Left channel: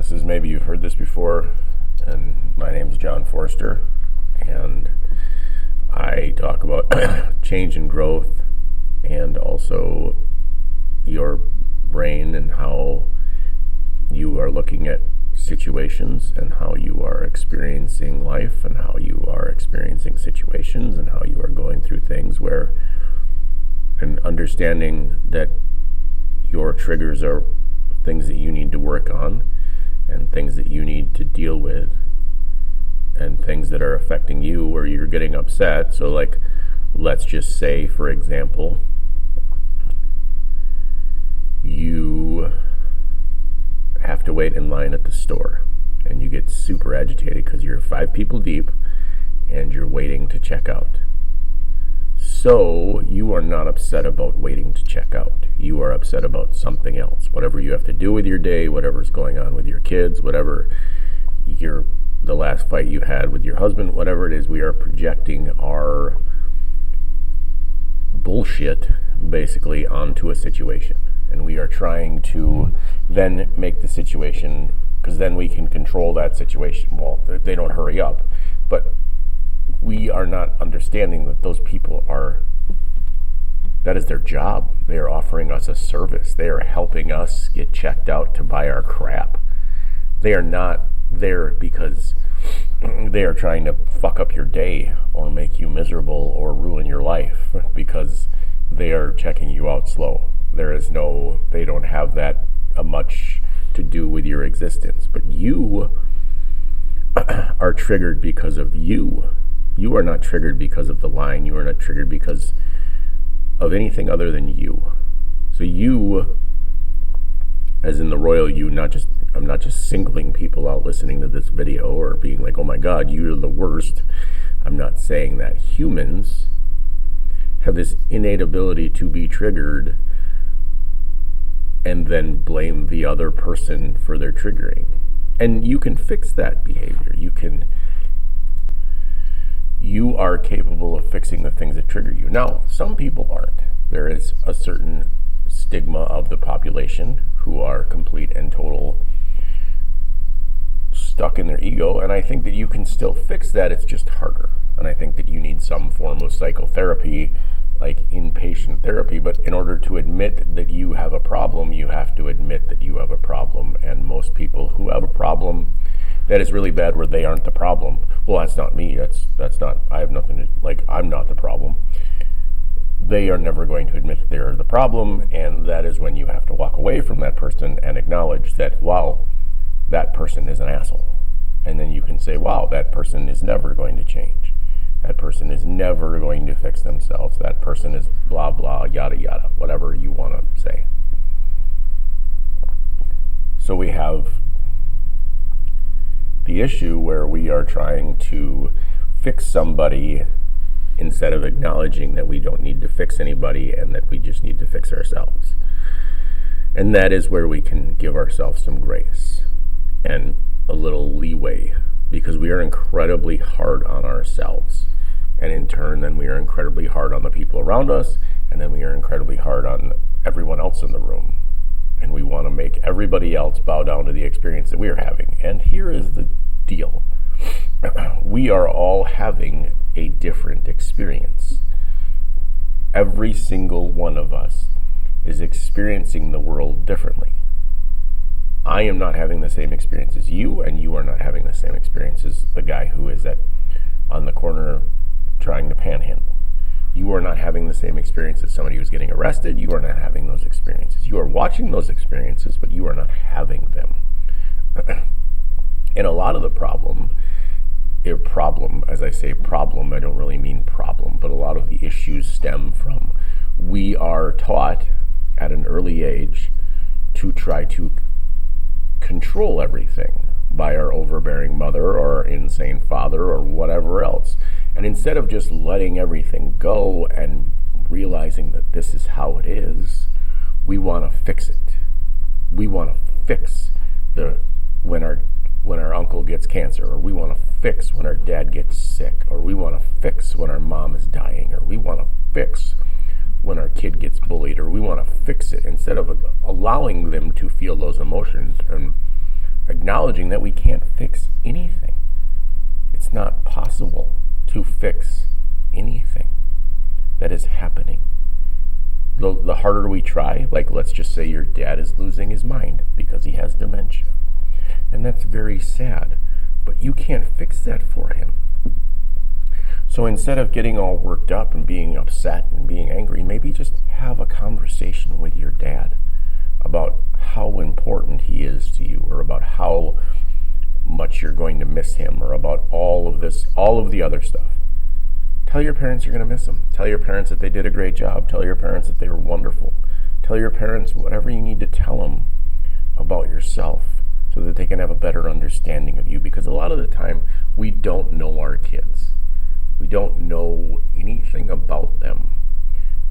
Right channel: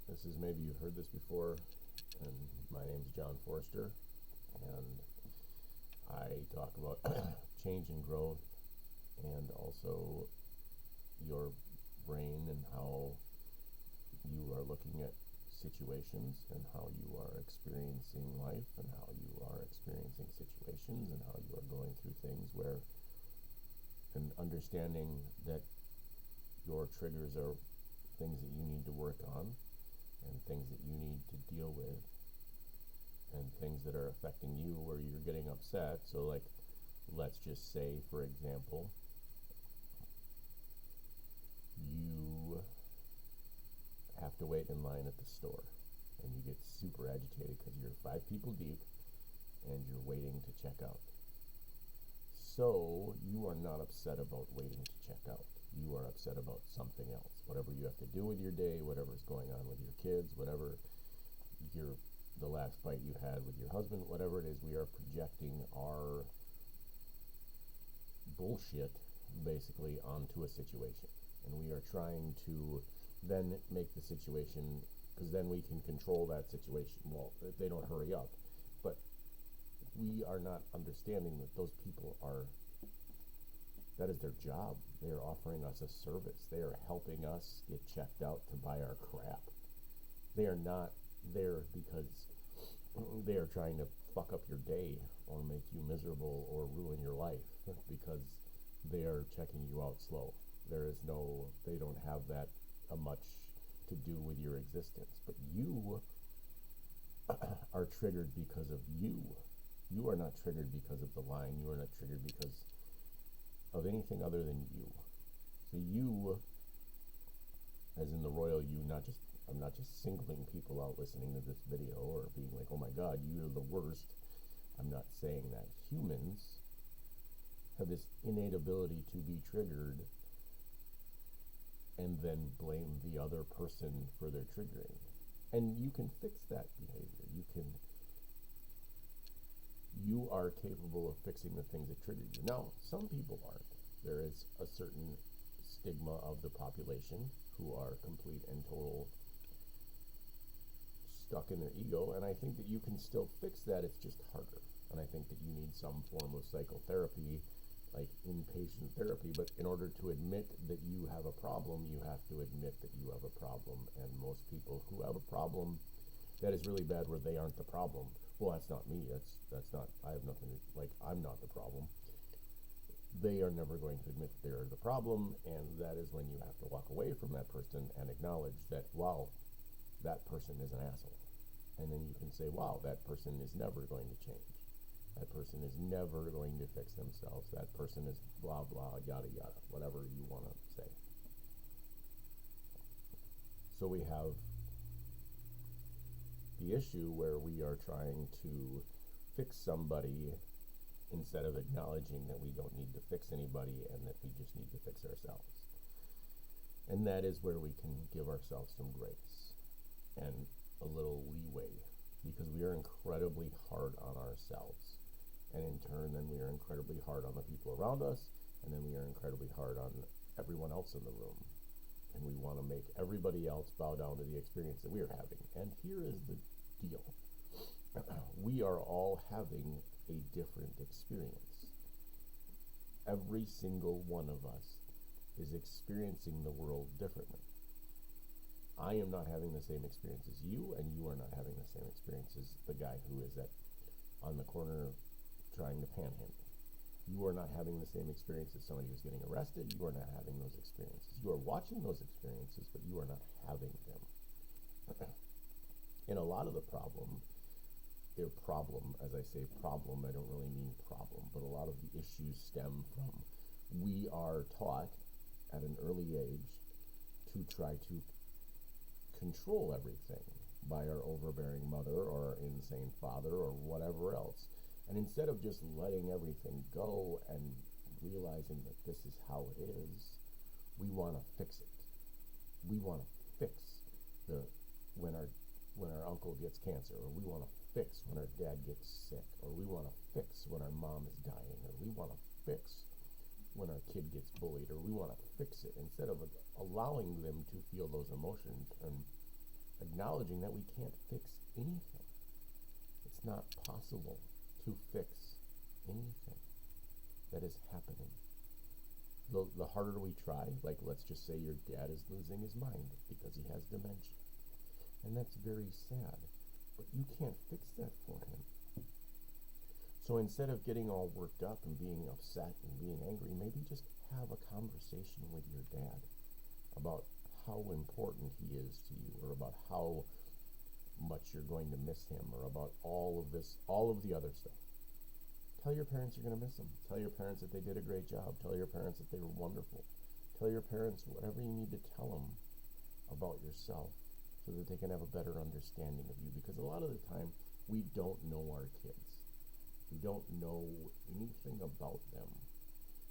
This is, maybe you've heard this before, and my name is John Forster, and I talk about change and growth, and also your brain and how you are looking at situations and how you are experiencing life and how you are experiencing situations and how you are going through things where, and understanding that your triggers are things that you need to work on and things that you need to deal with and things that are affecting you where you're getting upset. So like, let's just say, for example, you have to wait in line at the store and you get super agitated because you're 5 people deep and you're waiting to check out. So you are not upset about waiting to check out. You are upset about something else. Whatever you have to do with your day, whatever's going on with your kids, whatever the last fight you had with your husband, whatever it is, we are projecting our bullshit basically onto a situation. And we are trying to then make the situation, because then we can control that situation. Well, they don't hurry up. But we are not understanding that those people that is their job. They are offering us a service. They are helping us get checked out to buy our crap. They are not there because they are trying to fuck up your day or make you miserable or ruin your life because they are checking you out slow. They don't have that much to do with your existence. But you are triggered because of you. You are not triggered because of the line. You are not triggered because of anything other than you. So you, as in the royal you, I'm not just singling people out listening to this video or being like, oh my God, you're the worst. I'm not saying that. Humans have this innate ability to be triggered and then blame the other person for their triggering. And you can fix that behavior. You are capable of fixing the things that trigger you. Now, some people aren't. There is a certain stigma of the population who are complete and total stuck in their ego, and I think that you can still fix that. It's just harder. And I think that you need some form of psychotherapy, like inpatient therapy, but in order to admit that you have a problem, you have to admit that you have a problem. And most people who have a problem that is really bad where they aren't the problem, well, that's not me, that's not, I have nothing to, like, I'm not the problem. They are never going to admit that they're the problem, and that is when you have to walk away from that person and acknowledge that, wow, that person is an asshole. And then you can say, wow, that person is never going to change. That person is never going to fix themselves. That person is blah, blah, yada, yada, whatever you want to say. So we have the issue where we are trying to fix somebody instead of acknowledging that we don't need to fix anybody and that we just need to fix ourselves. And that is where we can give ourselves some grace and a little leeway, because we are incredibly hard on ourselves. And in turn, then we are incredibly hard on the people around us, and then we are incredibly hard on everyone else in the room. And we want to make everybody else bow down to the experience that we are having. And here is the deal. We are all having a different experience. Every single one of us is experiencing the world differently. I am not having the same experience as you, and you are not having the same experience as the guy who is on the corner trying to panhandle. You are not having the same experience as somebody who's getting arrested. You are not having those experiences. You are watching those experiences, but you are not having them. And a lot of the problem, as I say problem, I don't really mean problem, but a lot of the issues stem from we are taught at an early age to try to control everything by our overbearing mother or our insane father or whatever else. And instead of just letting everything go and realizing that this is how it is, we want to fix it. We want to fix when our uncle gets cancer, or we want to fix when our dad gets sick, or we want to fix when our mom is dying, or we want to fix when our kid gets bullied, or we want to fix it instead of allowing them to feel those emotions acknowledging that we can't fix anything. It's not possible to fix anything that is happening. The harder we try, like let's just say your dad is losing his mind because he has dementia. And that's very sad, but you can't fix that for him. So instead of getting all worked up and being upset and being angry, maybe just have a conversation with your dad about how important he is to you, or about how much you're going to miss him, or about all of the other stuff. Tell your parents you're going to miss them. Tell your parents that they did a great job. Tell your parents that they were wonderful. Tell your parents whatever you need to tell them about yourself so that they can have a better understanding of you. Because a lot of the time, we don't know our kids. We don't know anything about them.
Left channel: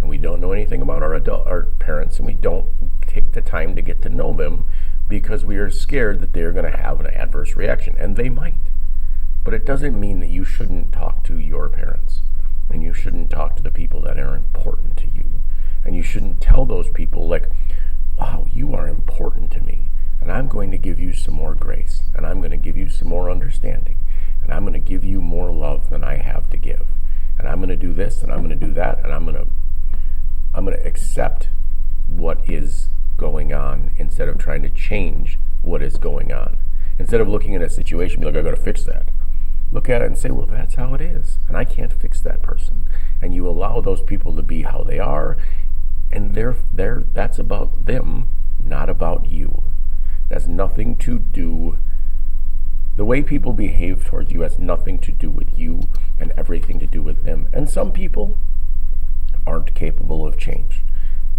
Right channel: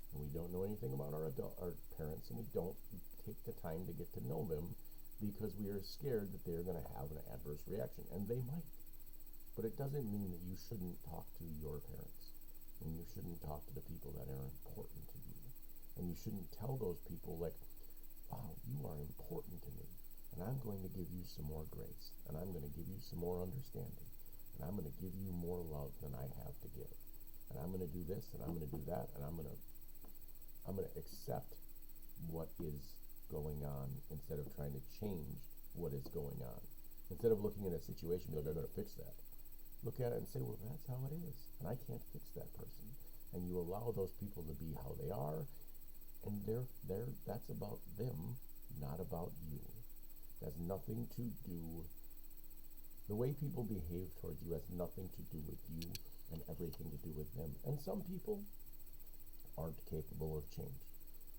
And we don't know anything about our parents, and we don't take the time to get to know them because we are scared that they're going to have an adverse reaction. And they might. But it doesn't mean that you shouldn't talk to your parents. And you shouldn't talk to the people that are important to you. And you shouldn't tell those people like, wow, you are important to me. And I'm going to give you some more grace. And I'm going to give you some more understanding. And I'm going to give you more love than I have to give. And I'm going to do this, and I'm going to do that, and I'm going to accept what is going on instead of trying to change what is going on. Instead of looking at a situation and be like, I got to fix that. Look at it and say, well, that's how it is, and I can't fix that person. And you allow those people to be how they are, and that's about them, not about you. That's nothing to do. The way people behave towards you has nothing to do with you and everything to do with them. And some people aren't capable of change.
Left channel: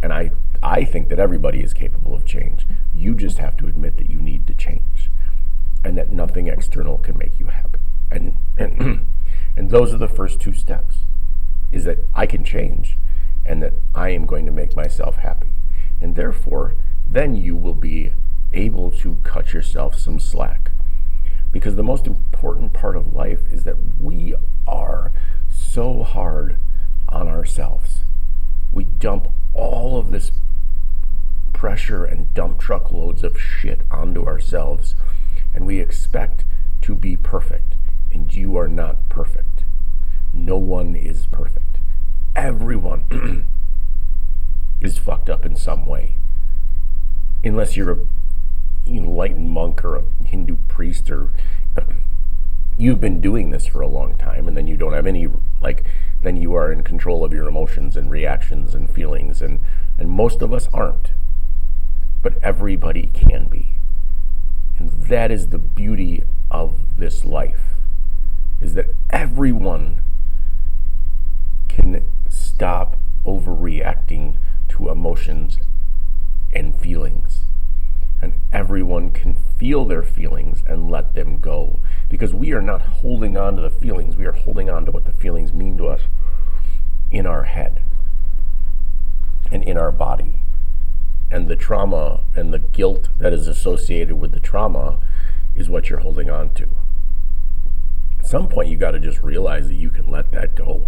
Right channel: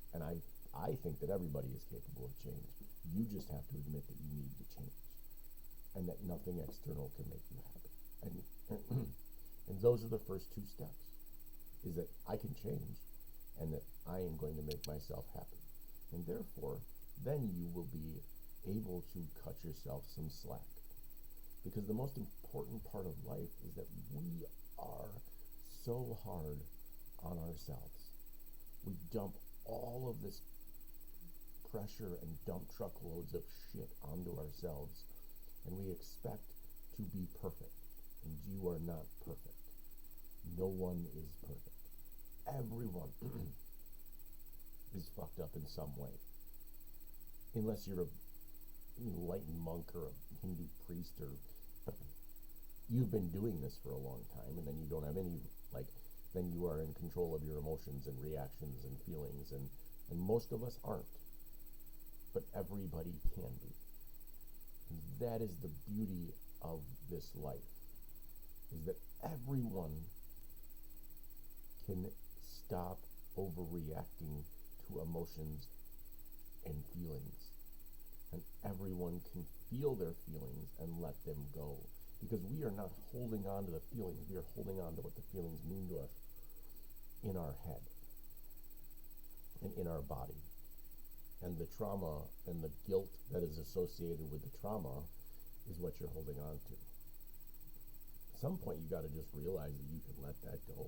And I think that everybody is capable of change. You just have to admit that you need to change, and that nothing external can make you happy. And those are the first two steps, is that I can change and that I am going to make myself happy. And therefore, then you will be able to cut yourself some slack. Because the most important part of life is that we are so hard on ourselves. We dump all of this pressure and dump truckloads of shit onto ourselves, and we expect to be perfect. And you are not perfect. No one is perfect. Everyone is fucked up in some way. Unless you're an enlightened monk or a Hindu priest, or you've been doing this for a long time, and then you don't have any, then you are in control of your emotions and reactions and feelings, and most of us aren't. But everybody can be. And that is the beauty of this life, is that everyone can stop overreacting to emotions and feelings. And everyone can feel their feelings and let them go. Because we are not holding on to the feelings, we are holding on to what the feelings mean to us in our head and in our body. And the trauma and the guilt that is associated with the trauma is what you're holding on to. At some point, you got to just realize that you can let that go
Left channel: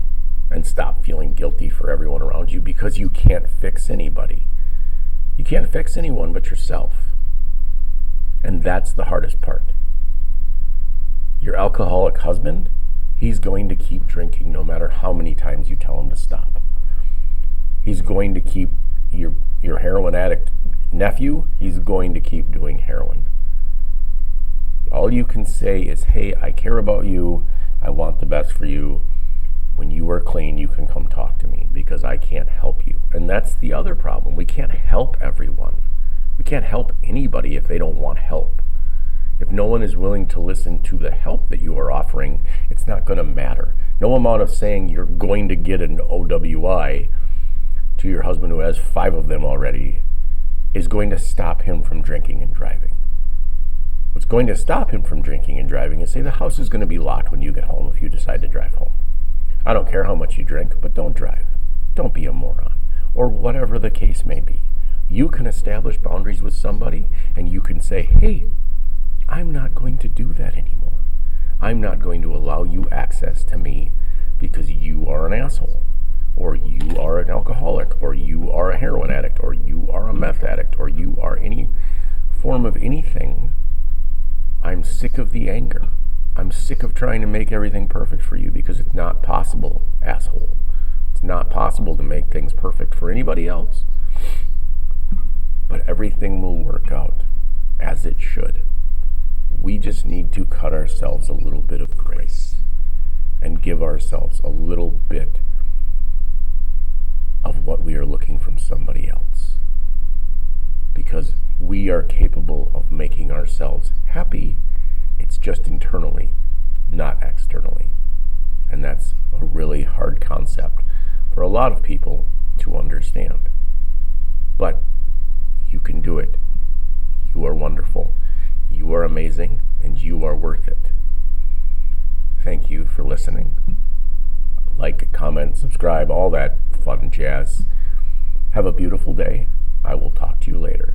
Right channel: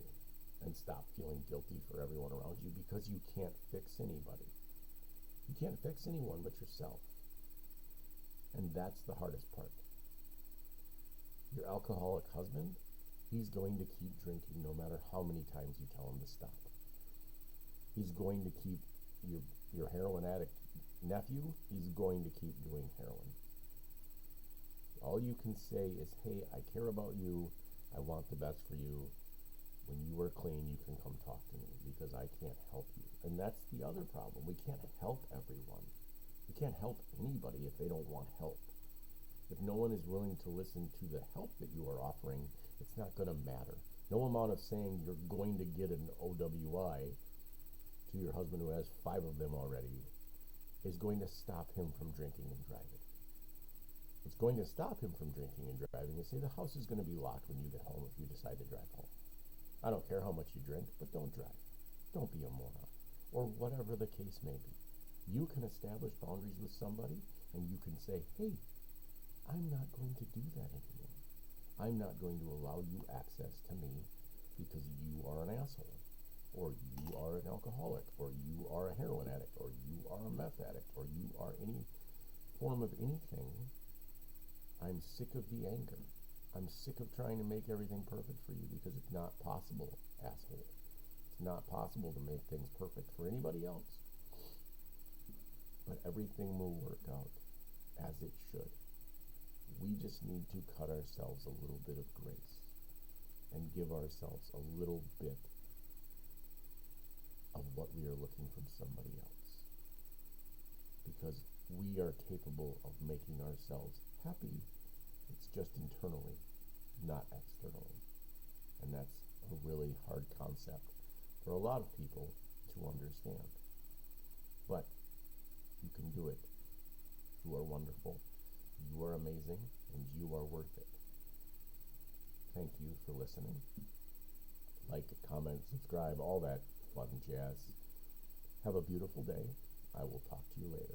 and stop feeling guilty for everyone around you, because you can't fix anybody. You can't fix anyone but yourself. And that's the hardest part. Your alcoholic husband, he's going to keep drinking no matter how many times you tell him to stop. He's going to keep your heroin addict nephew, he's going to keep doing heroin. All you can say is, hey, I care about you. I want the best for you. When you are clean, you can come talk to me, because I can't help you. And that's the other problem. We can't help everyone. We can't help anybody if they don't want help. If no one is willing to listen to the help that you are offering, it's not going to matter. No amount of saying you're going to get an OWI to your husband, who has 5 of them already, is going to stop him from drinking and driving. What's going to stop him from drinking and driving is, say, the house is going to be locked when you get home if you decide to drive home. I don't care how much you drink, but don't drive. Don't be a moron. Or whatever the case may be. You can establish boundaries with somebody, and you can say, hey, I'm not going to do that anymore. I'm not going to allow you access to me because you are an asshole, or you are an alcoholic, or you are a heroin addict, or you are a meth addict, or you are any form of anything I'm sick of the anger. I'm sick of trying to make everything perfect for you because it's not possible, asshole. It's not possible to make things perfect for anybody else. But everything will work out as it should. We just need to cut ourselves a little bit of grace and give ourselves a little bit of what we are looking from somebody else. Because we are capable of making ourselves happy. It's just internally, not externally. And that's a really hard concept for a lot of people to understand. But you can do it. You are wonderful. You are amazing, and you are worth it. Thank you for listening. Like, comment, subscribe, all that fun jazz. Have a beautiful day. I will talk to you later.